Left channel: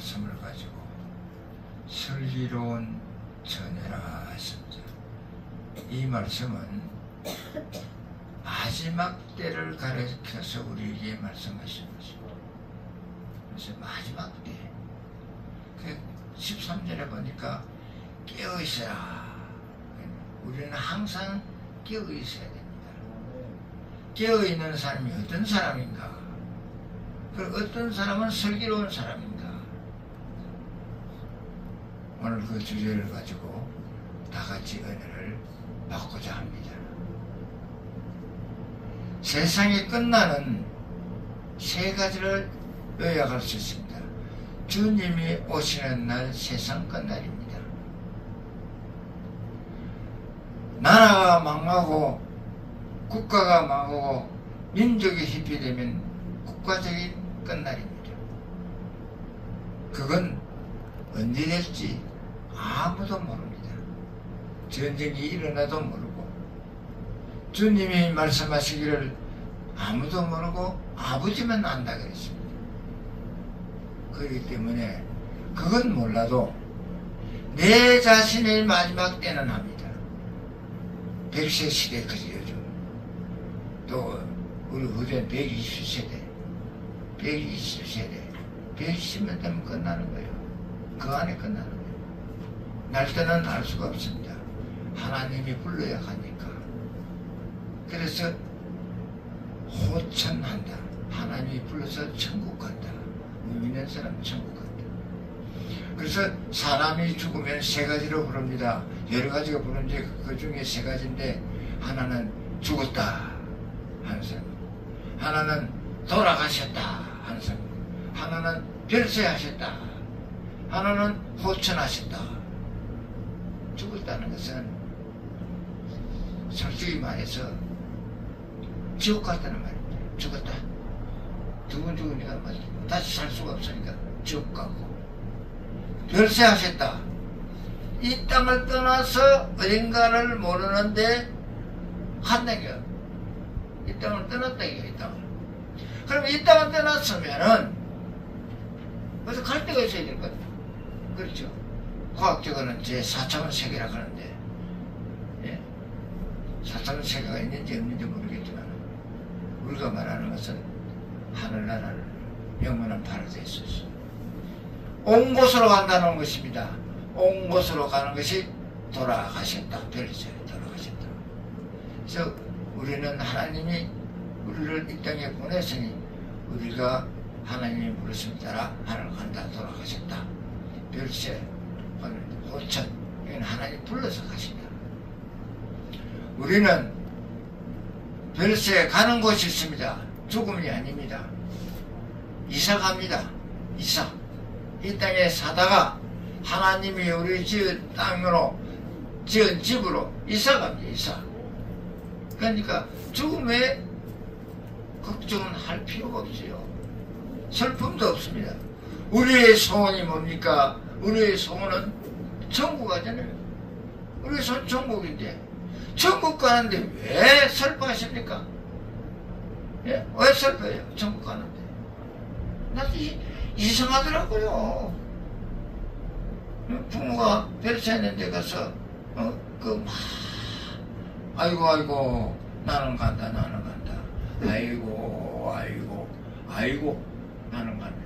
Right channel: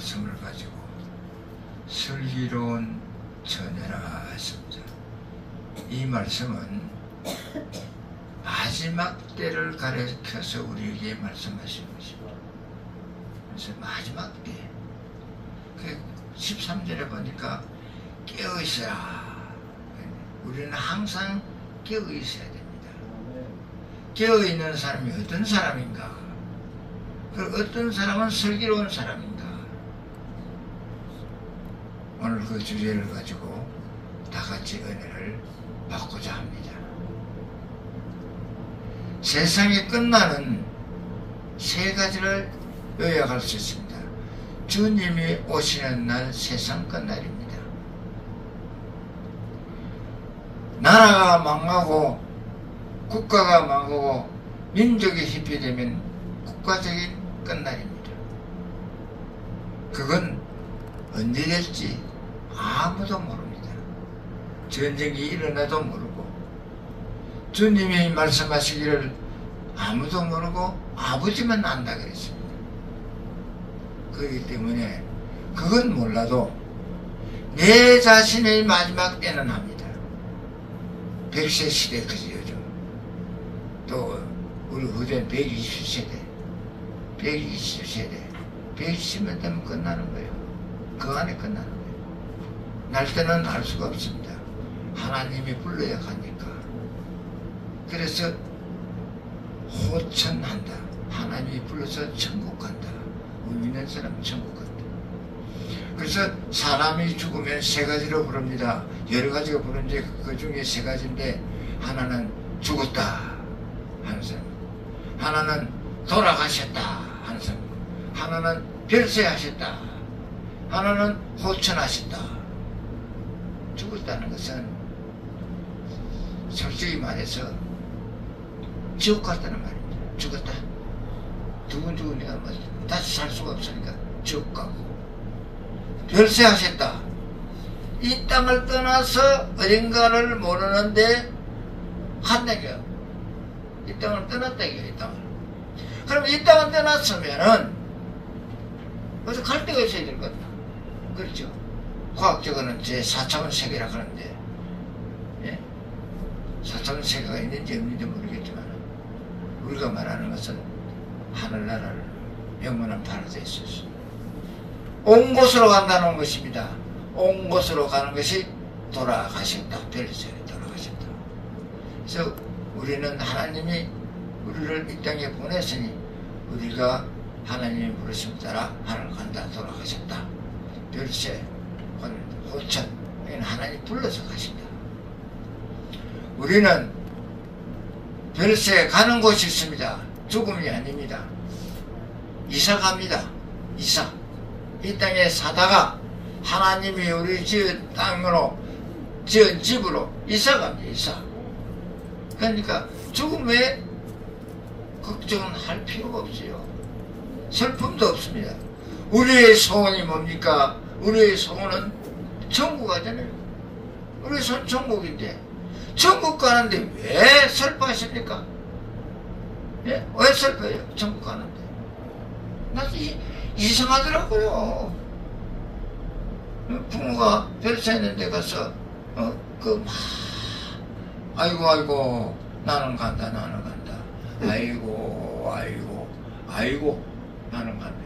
말씀을 가지고 슬기로운 처녀라 하십니다. 이 말씀은 마지막 때를 가리켜서 우리에게 말씀하신 것입니다. 그래서 마지막 때, 그 13절에 보니까 깨어있어라. 우리는 항상 깨어있어야 됩니다. 깨어있는 사람이 어떤 사람인가? 그 어떤 사람은 슬기로운 사람인가? 오늘 그 주제를 가지고 다 같이 은혜를 받고자 합니다. 세상이 끝나는 세 가지를 요약할 수 있습니다. 주님이 오시는 날 세상 끝날입니다. 나라가 망하고 국가가 망하고 민족이 희피되면 국가적인 끝날입니다. 그건 언제 될지 아무도 모릅니다. 전쟁이 일어나도 모르고 주님이 말씀하시기를 아무도 모르고 아버지만 안다 그랬습니다. 그렇기 때문에 그건 몰라도 내 자신의 마지막 때는 합니다. 100세 시대까지 요즘 또 우리 후대는 120세대 120세대 120년 되면 끝나는 거예요. 그 안에 끝나는 거예요. 날 때는 알 수가 없습니다. 하나님이 불러야 하니까. 그래서 호천한다. 하나님이 불러서 천국 간다. 믿는 사람은 천국 간다. 그래서 사람이 죽으면 세 가지로 부릅니다. 여러 가지가 부르는데 그 중에 세 가지인데 하나는 죽었다 하는 사람, 하나는 돌아가셨다 하는 사람, 하나는 별세하셨다, 하나는 호천하셨다. 죽었다는 것은 솔직히 말해서 지옥 갔다는 말입니다. 죽었다. 두근두근해가 다시 살 수가 없으니까 지옥 가고, 별세하셨다. 이 땅을 떠나서 어딘가를 모르는데 한다고요. 이 땅을 떠났다 이거예요. 이 땅을. 그럼 이 땅을 떠났으면은 어디 갈 데가 있어야 될 것 같다. 그렇죠. 과학적으로는 제 4차원 세계라고 하는데, 예? 4차원 세계가 있는지 없는지 모르겠지만 우리가 말하는 것은 하늘나라를 영원한 파라다이스에서 온 곳으로 간다는 것입니다. 온 곳으로 가는 것이 돌아가셨다. 별세에 돌아가셨다. 그래서 우리는 하나님이 우리를 이 땅에 보냈으니 우리가 하나님이 부르심 따라 하늘 간다. 돌아가셨다. 별세, 호천, 이건 하나님 불러서 가신다. 우리는 별세에 가는 곳이 있습니다. 죽음이 아닙니다. 이사 갑니다. 이사. 이 땅에 사다가 하나님이 우리 지은 땅으로 지은 집으로 이사 갑니다. 이사. 그러니까 죽음에 걱정은 할 필요가 없어요. 슬픔도 없습니다. 우리의 소원이 뭡니까? 우리의 소원은 천국 가잖아요. 우리의 소원 천국인데 천국 가는데 왜 슬퍼하십니까? 예? 왜 슬퍼해요? 천국 가는데. 나 이상하더라고요. 부모가 별세하는 데 가서 아이고 나는 간다 아이고 나는 간다.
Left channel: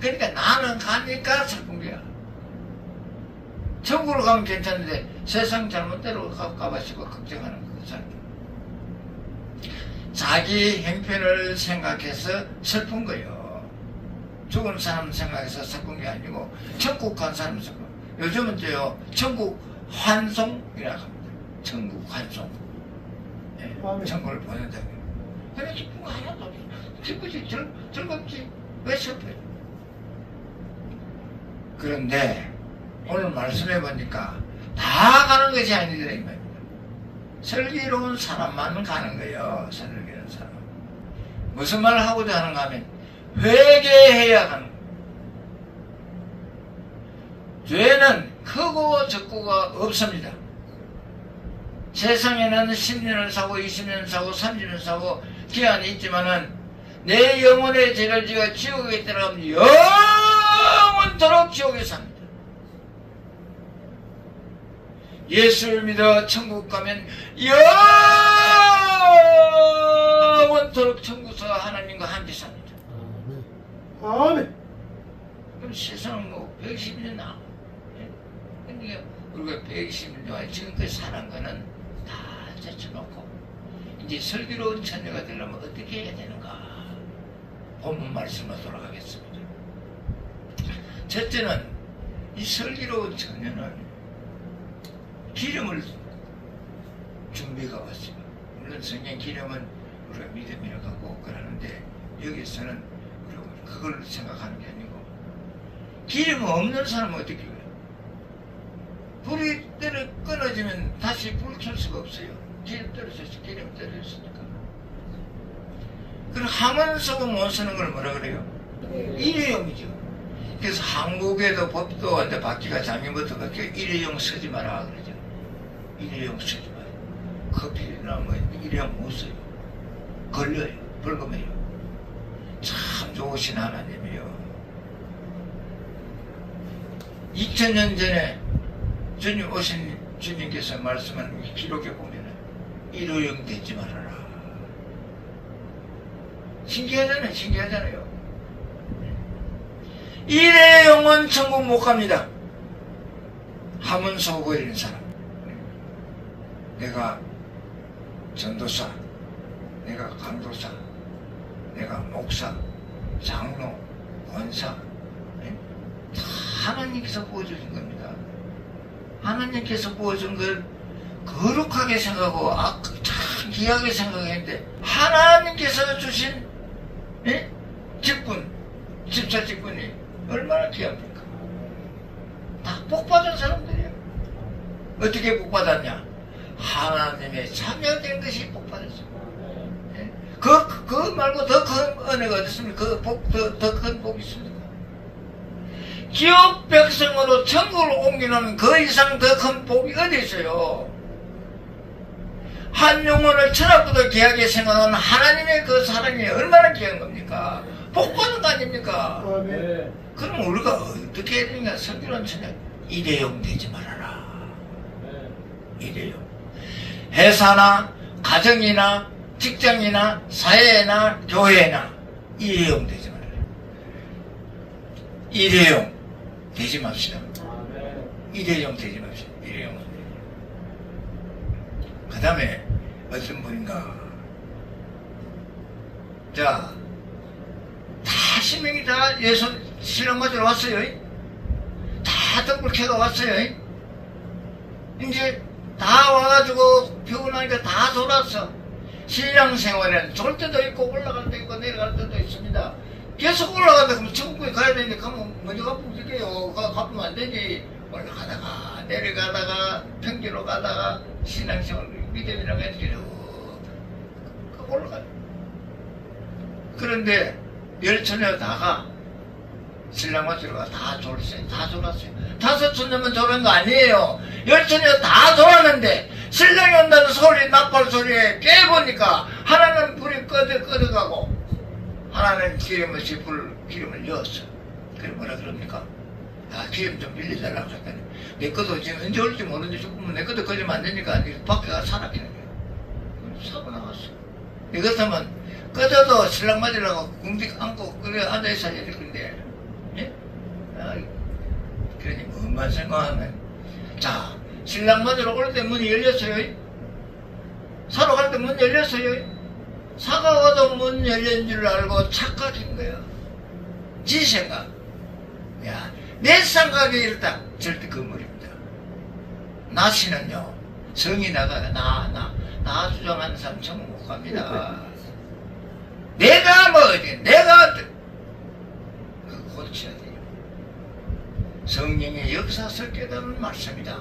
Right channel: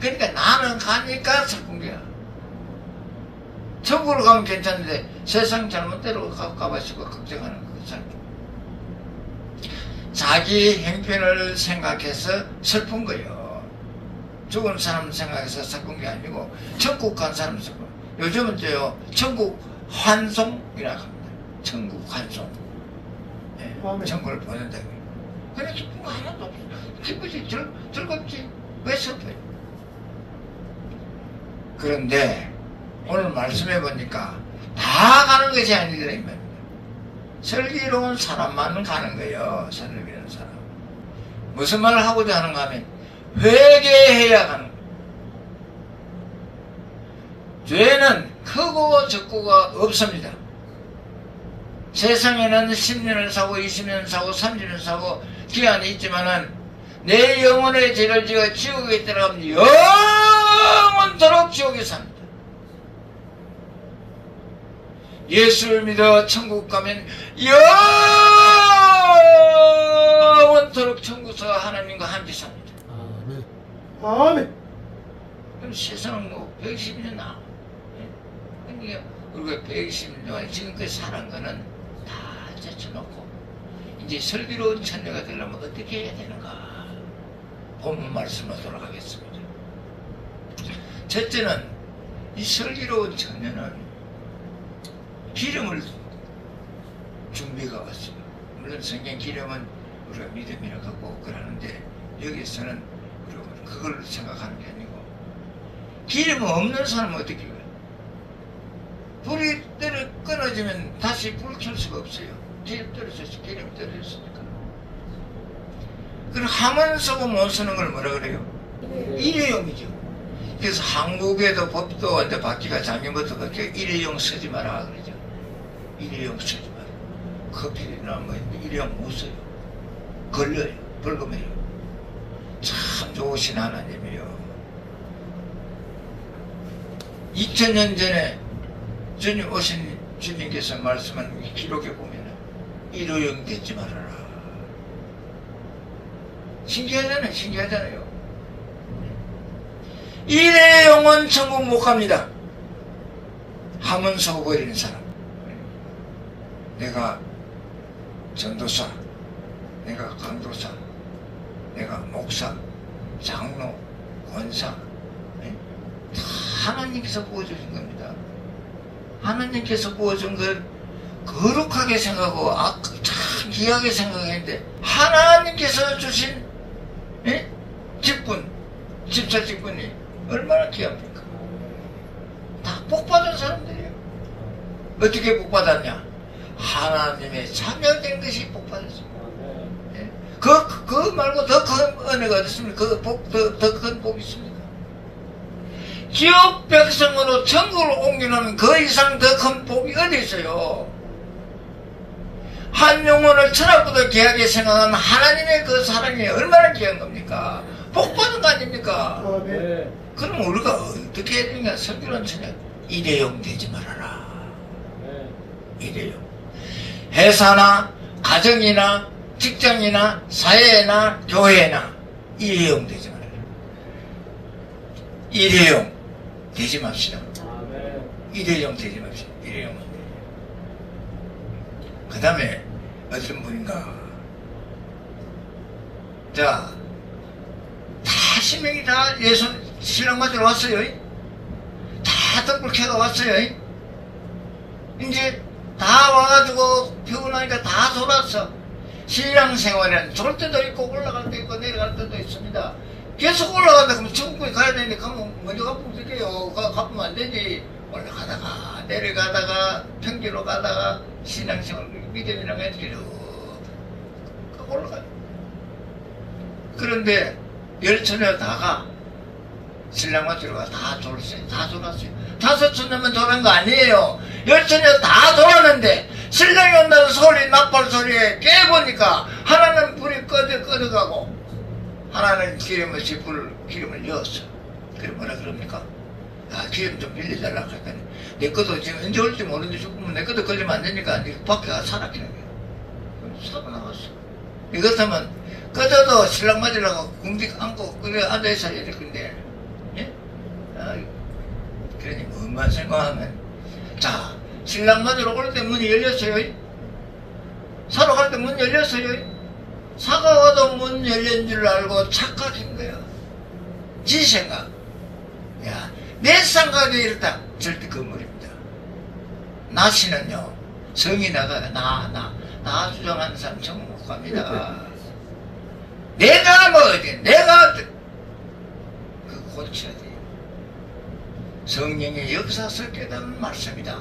그러니까 나는 가니까 슬픈 거야. 천국으로 가면 괜찮은데 세상 잘못대로 가봐시고 걱정하는 그 사람. 자기 형편을 생각해서 슬픈 거예요. 죽은 사람 생각해서 슬픈 게 아니고 천국 간 사람 슬픈. 요즘은 저요 천국 환송이라고 합니다. 천국 환송. 네, 천국을 보낸다. 그래 기쁜 거 하나도 없어. 기쁘지 즐겁지. 왜 슬퍼요? 그런데 오늘 말씀해 보니까 다 가는 것이 아니더라 이 말입니다. 슬기로운 사람만 가는 거예요. 슬기로운 사람. 무슨 말을 하고자 하는가 하면 회개해야 가는 거예요. 죄는 크고 적고가 없습니다. 세상에는 10년을 사고 20년 사고 30년 사고 기한이 있지만은 내 영혼의 죄를 지가 지옥에 들어가면 영원히 영원토록 지옥에 삽니다. 예수를 믿어 천국 가면 영원토록 천국에서 하나님과 함께 삽니다. 아멘. 그럼 세상은 뭐 120년 나. 그러니까 우리가 120년 동안 지금까지 살은 거는 다 제쳐놓고 이제 슬기로운 처녀가 되려면 어떻게 해야 되는가? 본문 말씀으로 돌아가겠습니다. 첫째는 이 슬기로운 처녀는 기름을 준비가 왔어요. 물론 성경 기름은 우리가 믿음이라 갖고 그러는데 여기서는 그걸 생각하는 게 아니고 기름 없는 사람은 어떻게 해요? 불이 끊어지면 다시 불 켤 수가 없어요. 기름 떨어졌으니까. 그럼 함은 쓰고 못 쓰는 걸 뭐라 그래요? 일회용이죠. 그래서 한국에도 법도 완전 바뀌가 작년부터 바뀌어 일회용 쓰지 마라 그러죠. 일회용 쓰지 마라. 커피나 뭐 일회용 못 써요. 걸려요. 벌금해요. 참 좋으신 하나님이요. 2000년 전에 주님 오신 주님께서 말씀한 기록에 보면 일회용 되지 말아라. 신기하잖아요. 일회용은 천국 못 갑니다. 함은 쏘고 있는 사람. 내가 전도사, 내가 강도사, 내가 목사, 장로, 권사, 다 하나님께서 부어주신 겁니다. 하나님께서 부어준 걸 거룩하게 생각하고 참 귀하게 생각했는데 하나님께서 주신 직분, 집사 직분이 얼마나 귀합니까? 다 복받은 사람들이에요. 어떻게 복받았냐? 하나님의 자녀된 것이 복받았습니다. 그 말고 더 큰 은혜가 어디 있습니까? 더 큰 복이 있습니다. 지옥 백성으로 천국을 옮기려면 그 이상 더 큰 복이 어디 있어요? 한 영혼을 천하보다 귀하게 생각하는 하나님의 그 사랑이 얼마나 귀한 겁니까? 복 받은 거 아닙니까? 네. 그럼 우리가 어떻게 해야 되는가? 성경은 전에 일회용 되지 말아라. 일회용. 회사나 가정이나 직장이나 사회나 교회나 일회용 되지 말아라. 일회용 되지 맙시다. 일회용 되지 맙시다. 일회용. 그 다음에 어떤 분인가? 자, 다 10명이 다 예수 신랑 맞으러 왔어요. 다 떡불캐가 왔어요. 이제 다 와가지고 피곤하니까 다 돌았어. 신랑 생활에는 좋을 때도 있고 올라갈 때 있고 내려갈 때도 있습니다. 계속 올라간다 그러면 천국에 가야 되는데 가면 먼저 가면 되게요. 가면 안 되지. 올라가다가 내려가다가 평지로 가다가 신앙생활 믿음이랑 해서 올라가요. 그런데 열처녀 다가 신랑 맞으러 가 다 졸았어요. 다 졸았어요. 5처녀면 졸은 거 아니에요. 열처녀 다 졸았는데 신랑이 온다는 소리, 나팔 소리에 깨보니까 하나는 불이 꺼져가고 하나는 기름을 넣었어. 그래 뭐라 그럽니까? 아, 기름 좀 빌려달라고 했더니 내 것도 지금 언제 올지 모르는데 죽으면 내 것도 걸리면 안 되니까 밖에 가서 살았기는 거예요. 사고 나갔어. 이것하면 꺼져도 신랑 맞으려고 궁디 안고 그래 앉아있어야 될 건데 예? 아, 그러니 뭐만 생각하면 자 신랑 맞으러 올 때 문이 열렸어요. 사러 갈 때 문 열렸어요. 사가 와도 문 열린 줄 알고 착각인 거예요. 지 생각. 야, 내 생각이 이렇다. 절대 건물입니다. 나시는요, 성이 나가, 나 주장하는 사람 천국 못 갑니다. 내가 뭐지? 내가, 그거 고쳐야 돼요. 성령의 역사서 깨닫는 말씀이다.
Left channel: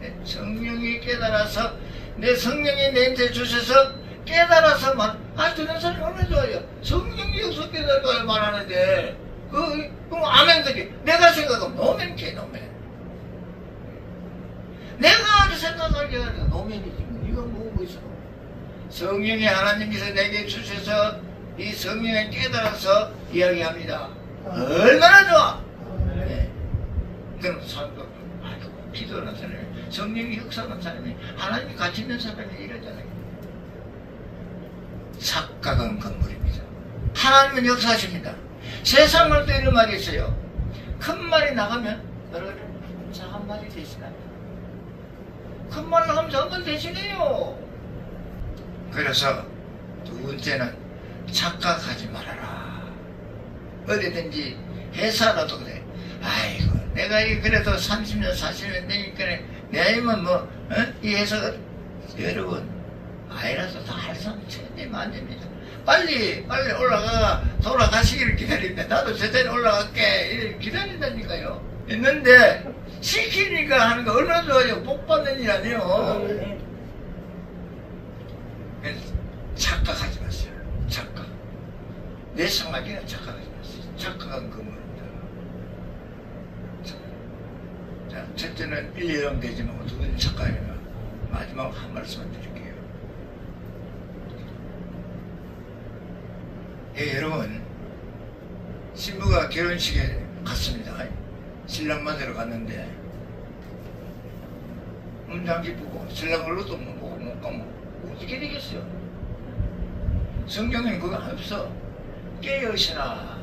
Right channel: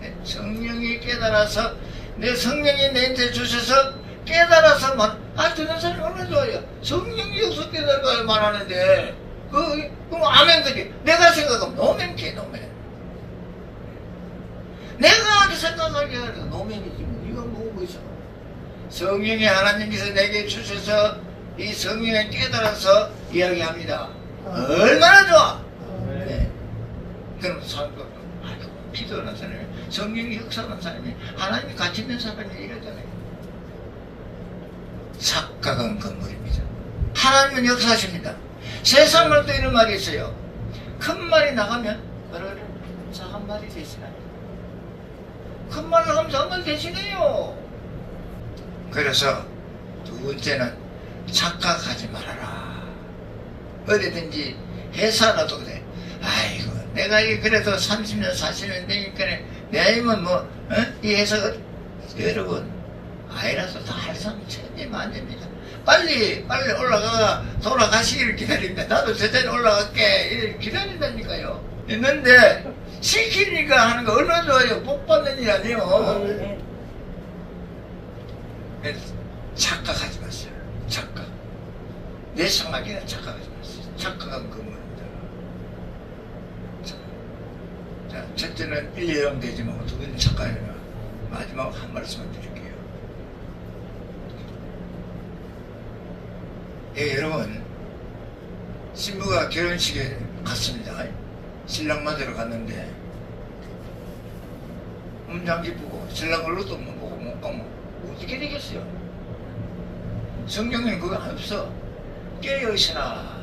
네? 성령이 깨달아서, 내 성령이 내한테 주셔서 깨달아서 저런 사람이 얼마나 좋아요. 성령이 역사 깨달은 걸 말하는데, 그럼 아멘 그지? 내가 생각하면 노멘지 노멘. 내가 생각하게 하니까 노멘이지. 이거 뭐고 있어? 성령이 하나님께서 내게 주셔서 이 성령을 깨달아서 이야기합니다. 얼마나 좋아. 네. 그럼 사람도 아주 기도하는 사람이, 성령이 역사하는 사람이, 하나님이 같이 있는 사람이 이러잖아요. 착각은 건물입니다. 하나님은 역사하십니다. 세상을 또 이런 말이 있어요. 큰 말이 나가면 작은 말이 대신합니다. 큰 말 나가면 작은 말이 대신해요. 그래서 두 번째는 착각하지 말아라. 어디든지 회사라도 그래. 아이고 내가 그래도 30년 40년 되니까 내 아이면 뭐 이 회사가 여러분 아이라서 다 할 사람 천대면 안 됩니다. 빨리 올라가 돌아가시기를 기다립니다. 나도 저 자리에 올라갈게 이렇게 기다린다니까요. 있는데 시키니까 하는 거 얼마나 좋아요. 복 받는 일 아니에요. 착각하지 마세요. 착각. 내 생각이나 착각하지 마세요. 착각한 건물입니다. 자, 첫째는 일례형 되지 말고 두 번째 착각이나 마지막 한 말씀만 드릴게요. 예, 여러분 신부가 결혼식에 갔습니다. 신랑 맞으러 갔는데 음장기 보고 신랑 얼굴도 못 보고 못 가면 어떻게 되겠어요? 성경에는 그거 안 없어. 깨어있으라.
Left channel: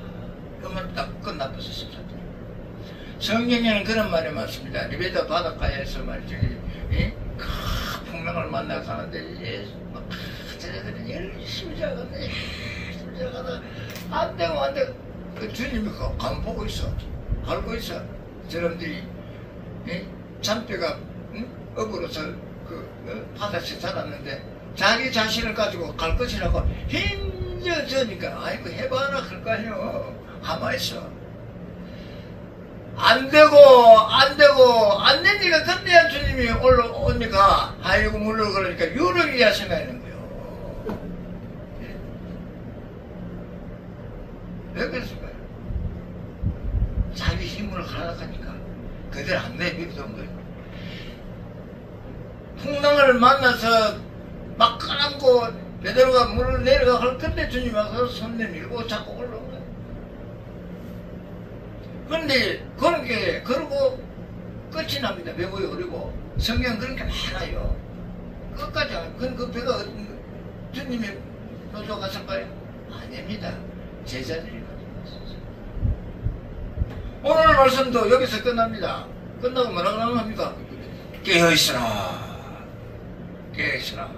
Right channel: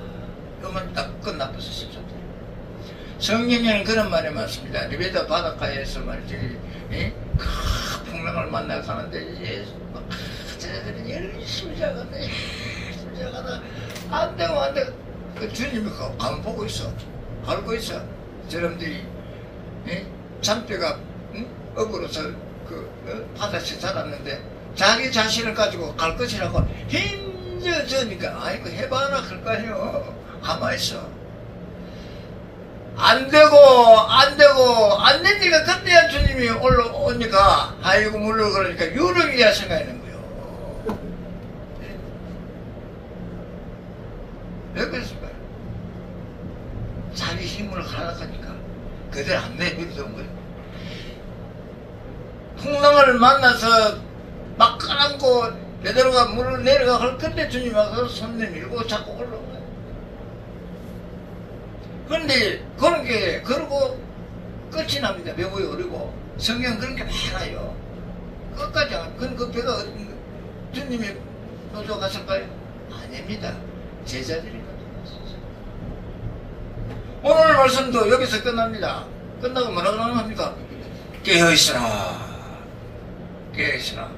이거만 딱 끝나버렸어. 14절. 성경에는 그런 말이 많습니다. 리베다 바닷가에서 말이죠. 큰 풍랑을 만나 가는데 제자들이 열심히 자는데 안 되고 안 되고 그 주님이 강 보고 있어. 알고 있어. 저놈들이 잔뼈가 업으로서 바다에 살았는데 자기 자신을 가지고 갈 것이라고 힘들어지니까 아이고 해봐라 할까요? 가만히 있어. 안 되고 안 되니까 그때야 주님이 올라오니까 아이고 물러 그러니까 유령이야 생각하는 거예요. 왜 그랬을까요? 자기 힘으로 하락하니까 그대로 안 내밀던 거예요. 풍랑을 만나서 막 까놓고 내려가 물을 내려가 할 건데 주님 와서 손 내밀고 자꾸 올라오네. 그런데 그런 게 그러고 끝이 납니다. 배고이 어리고 성경 그런 게 많아요. 끝까지 그 배가 주님이 노조 갔을까요? 아닙니다. 제자들이 오늘 말씀도 여기서 끝납니다. 끝나고 뭐라고 합니까? 깨어있으라. 깨어있으라.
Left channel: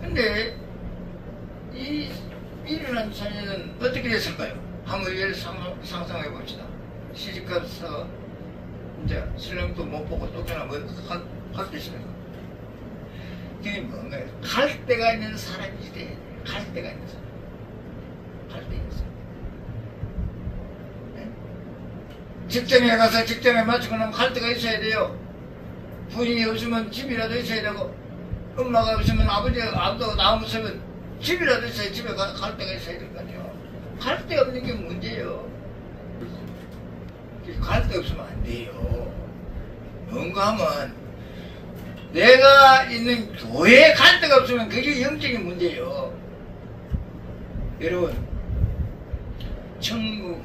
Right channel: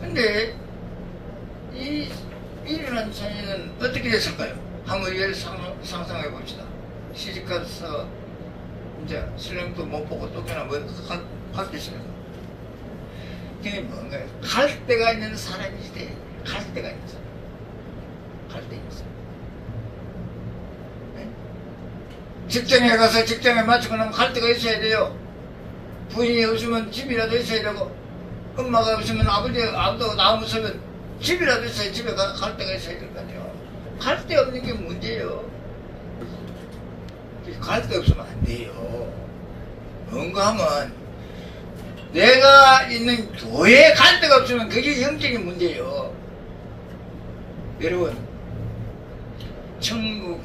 근데 이 일어난 자녀는 어떻게 됐을까요? 한번 예를 상상해 봅시다. 시집가서 이제 신랑도 못 보고 또 그냥 갈 때 있습니다. 이게 뭔가요? 갈 데가 있는 사람이지. 갈 데가 있는 사람. 갈 데 있는 사람. 직장에 가서 직장에 맞추고 나면 갈 데가 있어야 돼요. 부인이 없으면 집이라도 있어야 되고, 엄마가 없으면 아버지가 나오면 집이라도 있어야 집에 갈 데가 있어야 될 거 아니에요. 갈 데 없는 게 문제예요. 갈 데 없으면 안 돼요. 뭔가 하면 내가 있는 교회에 갈 데가 없으면 그게 영적인 문제예요. 여러분, 천국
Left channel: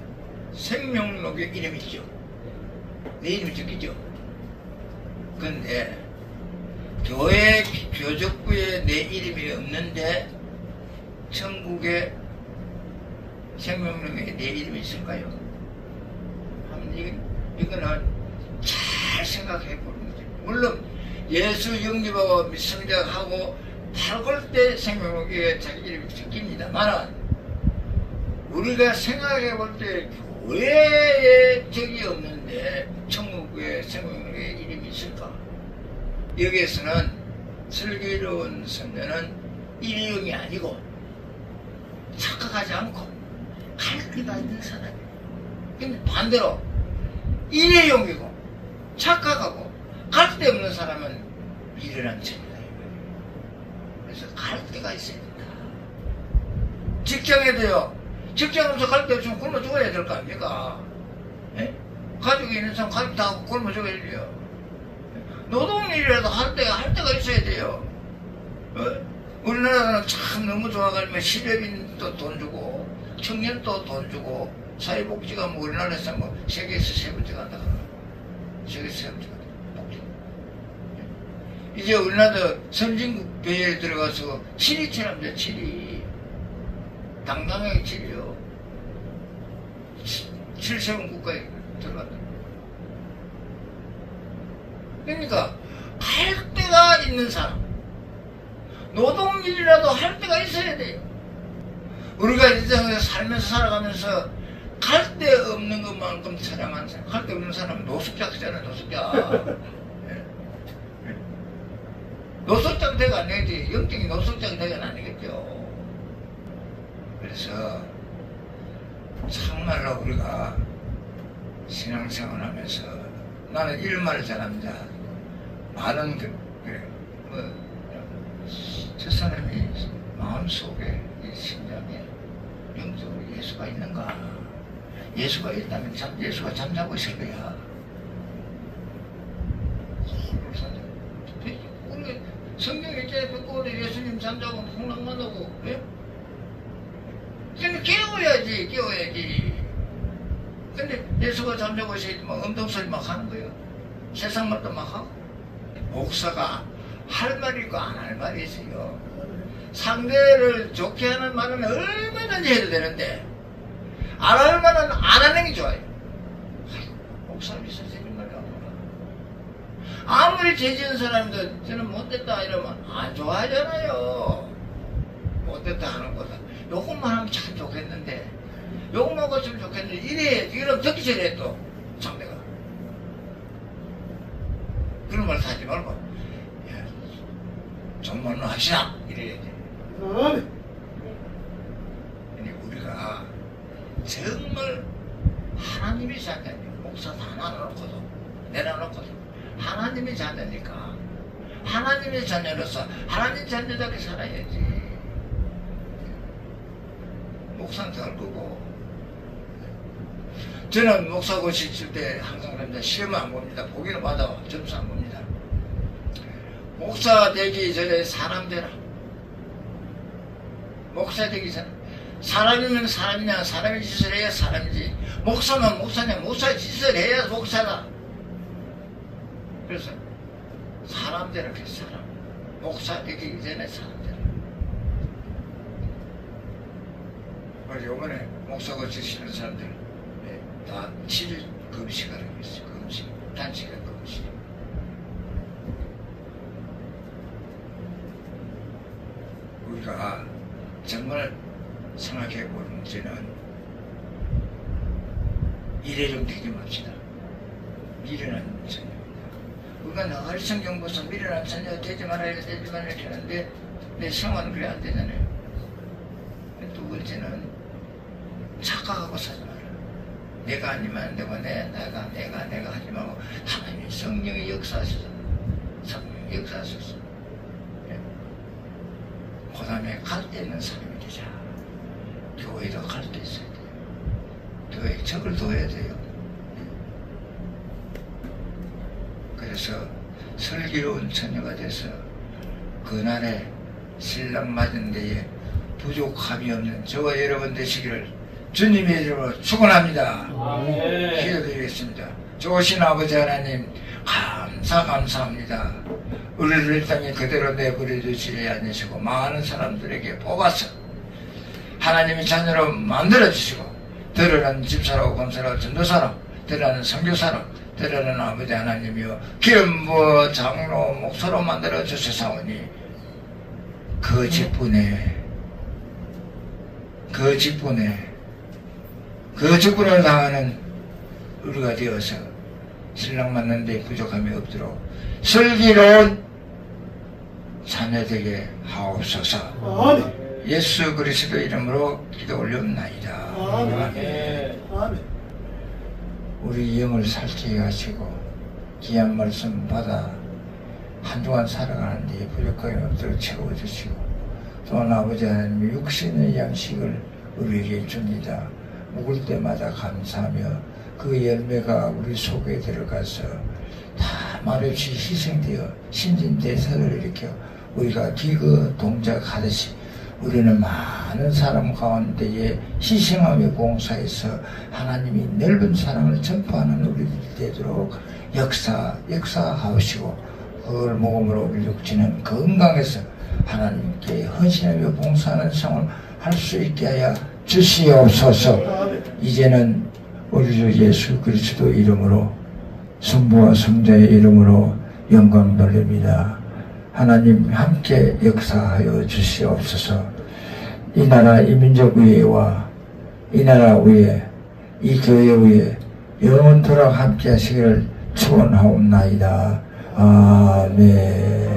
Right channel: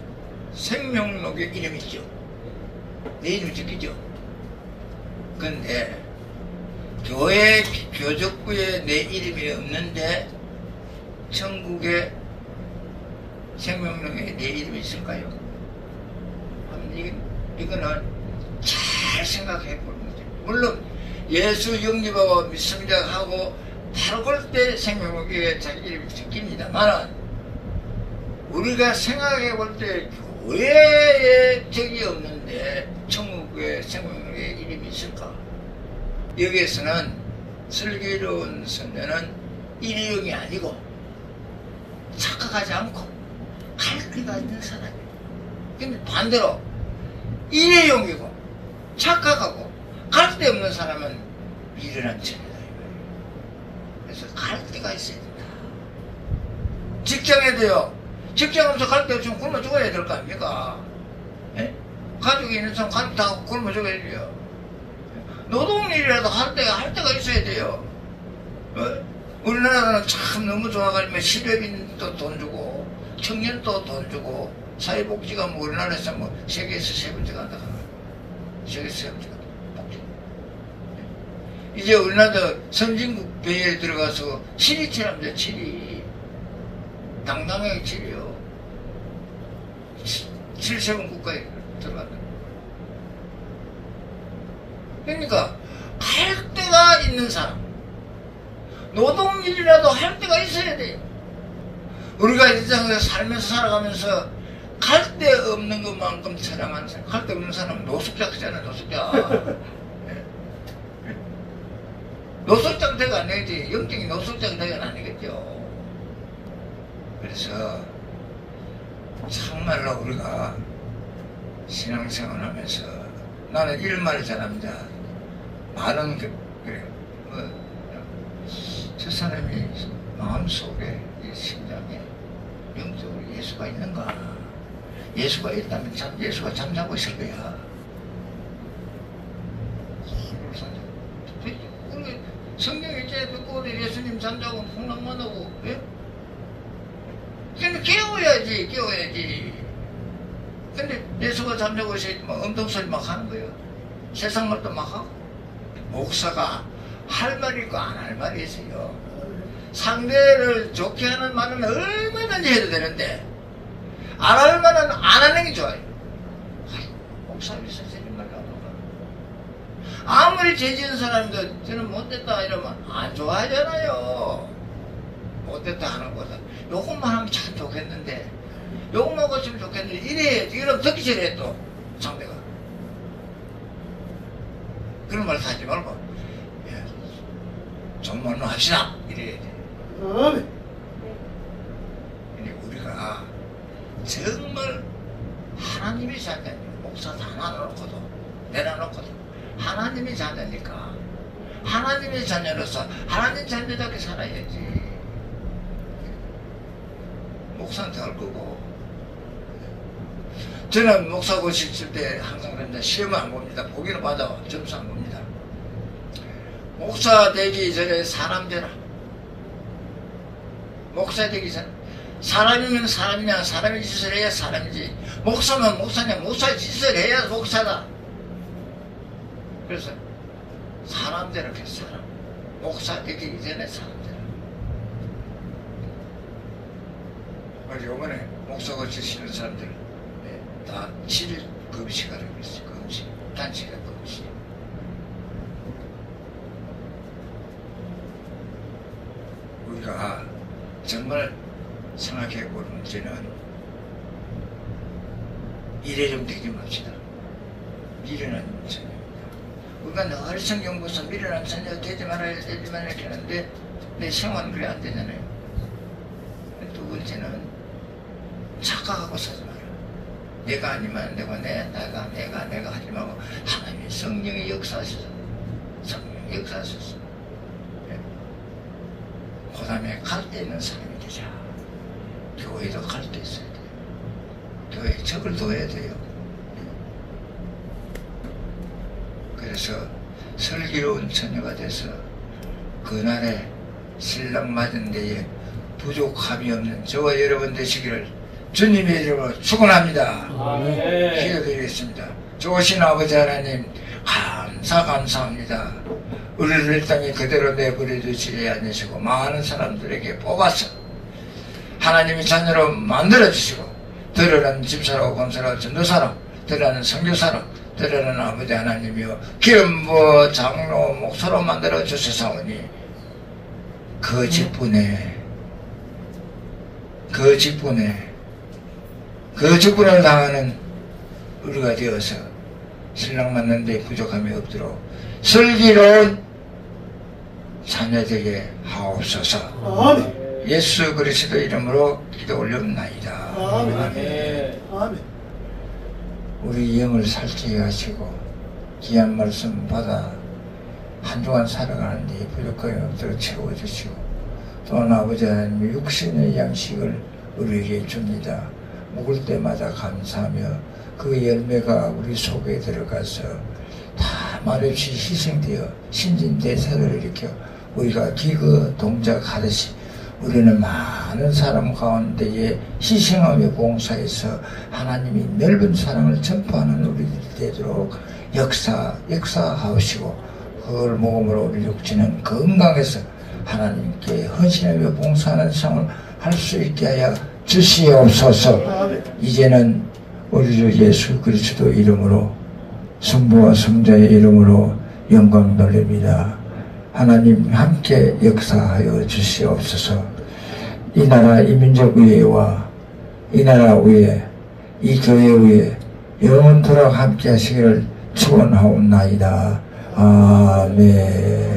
생명록의 이름이 있죠. 내 이름 적히죠. 근데 교회 교적부에 내 이름이 없는데 천국의 생명록에 내 이름이 있을까요? 이거는 잘 생각해 보는 거죠. 물론 예수 영접하고 성장하고 바로 그럴 때 생명록에 자기 이름이 적힙니다만 우리가 생각해 볼 때 교회에 적이 없는데 천국의 생명록에 이름이 있을까? 여기에서는 슬기로운 선녀는 일회용이 아니고 착각하지 않고 갈 데가 있는 사람이에요. 근데 반대로 일회용이고 착각하고 갈 데 없는 사람은 미련한 자녀예요. 그래서 갈 데가 있어야 된다. 직장에도요. 직장 없어 갈 데 없으면 굶어 죽어야 될 거 아닙니까? 예? 가족이 있는 사람 가족 다 굶어 죽어야 돼요. 노동일이라도 할 때가 있어야 돼요. 어? 우리나라는 참 너무 좋아가지고 10여빈도 돈 주고 청년도 돈 주고 사회복지가 뭐 우리나라에서 뭐 세계에서 세 번째 간다 그러나 세계에서 세 번째 간다. 이제 우리나라도 선진국 교회에 들어가서 7위 치랍니다. 7위 당당하게 7위요. 7세번 국가에 들어간다. 그러니까 할 데가 있는 사람, 노동일이라도 할 데가 있어야 돼요. 우리가 이 세상에서 살면서 살아가면서 갈 데 없는 것만큼 처량한 사람, 갈 데 없는 사람은 노숙자 그잖아요. 노숙자. 노숙자 대가 아니지. 영적인 노숙자 대가 아니겠죠. 그래서 정말로 우리가 신앙생활 하면서 나는 일말을 잘합니다. 말은 그래. 저 사람이 마음속에 이 심장에 영적으로 예수가 있는가? 예수가 있다면 예수가 잠자고 있을 거야. 우리 성경에 있잖아요. 듣고 우리 예수님 잠자고 풍랑만 하고, 예? 그러면 깨워야지. 근데 예수가 잠자고 있을 때 막 음동소리 막 하는 거예요. 세상 말도 막 하고. 목사가 할 말이 있고 안 할 말이 있어요. 상대를 좋게 하는 말은 얼마든지 해도 되는데, 안 할 말은 안 하는 게 좋아요. 목사를 있어서 이런 말이 안 나와. 아무리 죄 지은 사람도 저는 못됐다 이러면 안 좋아하잖아요. 못됐다 하는 거다. 요것만 하면 참 좋겠는데, 요것만 고치면 좋겠는데, 이래야지. 이러면 듣기 전에 또 상대가. 그런 말 하지 말고, 정말로 합시다. 이래야 돼. 근데 우리가 정말 하나님이 자녀, 목사 다 나눠놓고도, 내려놓고도, 하나님이 자녀니까, 하나님의 자녀로서 하나님 자녀답게 살아야지. 목사한테 할 거고. 저는 목사 고실 때 항상 그럽니다. 시험을 안 봅니다. 보기는 받아. 점수 안 봅니다. 목사 되기 전에 사람 되라. 목사 되기 전에. 사람이면 사람이냐, 사람의 짓을 해야 사람이지. 목사면 목사냐, 목사의 짓을 해야 목사다. 그래서 사람 되라. 사람. 목사 되기 전에 사람 되라. 그래서 요번에 목사 고치시는 사람들 다 7금식하라고 했어요. 금식. 단식과 금식. 우리가 정말 생각해보는 문제는 일에 좀 되게 맙시다. 미련한 자녀입니다. 우리가 늘 성경 보서 미련한 자녀 되지 말아야 되지 말아야 하는데 내 생활은 그래 안 되잖아요. 두 번째는 착각하고 살지 말아요. 내가 아니면 안 되고 내가 하지 말고 하나님이 성령이 역사하셔서 성령이 역사하셔서 그 다음에 갈 데 있는 사람이 되자. 교회도 갈 데 있어야 돼요. 교회에 적을 둬야 돼요. 그래서 슬기로운 처녀가 돼서 그날에 신랑 맞은 데에 부족함이 없는 저와 여러분 되시기를 주님의 이름으로 축원합니다. 기도드리겠습니다. 좋으신 아버지 하나님 감사합니다. 우리를 땅에 그대로 내버려 두시지 않으시고 많은 사람들에게 뽑아서 하나님의 자녀로 만들어주시고 들으는 집사라고 검사라고 전도사람 들으는 선교사람 들으는 아버지 하나님이여 기름 부어 장로 목사로 만들어 주시사오니 그 직분에 그 직분을 당하는 우리가 되어서 신랑 만나는데 부족함이 없도록 슬기로운 자녀되게 하옵소서. 아멘. 예수 그리스도 이름으로 기도 올려옵나이다. 아멘. 아멘. 우리 영을 살찌게 하시고 귀한 말씀 받아 한동안 살아가는데 부족함이 없도록 채워주시고 또한 아버지 하나님 육신의 양식을 우리에게 줍니다. 먹을 때마다 감사하며 그 열매가 우리 속에 들어가서 다 말없이 희생되어 신진대사를 일으켜 우리가 기거 동작하듯이 우리는 많은 사람 가운데에 희생하며 봉사해서 하나님이 넓은 사랑을 전파하는 우리들이 되도록 역사하시고 그걸 모금으로 우리 육체는 건강해서 하나님께 헌신하며 봉사하는 생활을 할 수 있게 하여 주시옵소서. 이제는 우리 주 예수 그리스도 이름으로 성부와 성자의 이름으로 영광 돌립니다. 하나님 함께 역사하여 주시옵소서. 이 나라 이 민족 위에와 이 나라 위에 이 교회 위에 영원토록 함께 하시기를 축원하옵나이다. 아멘.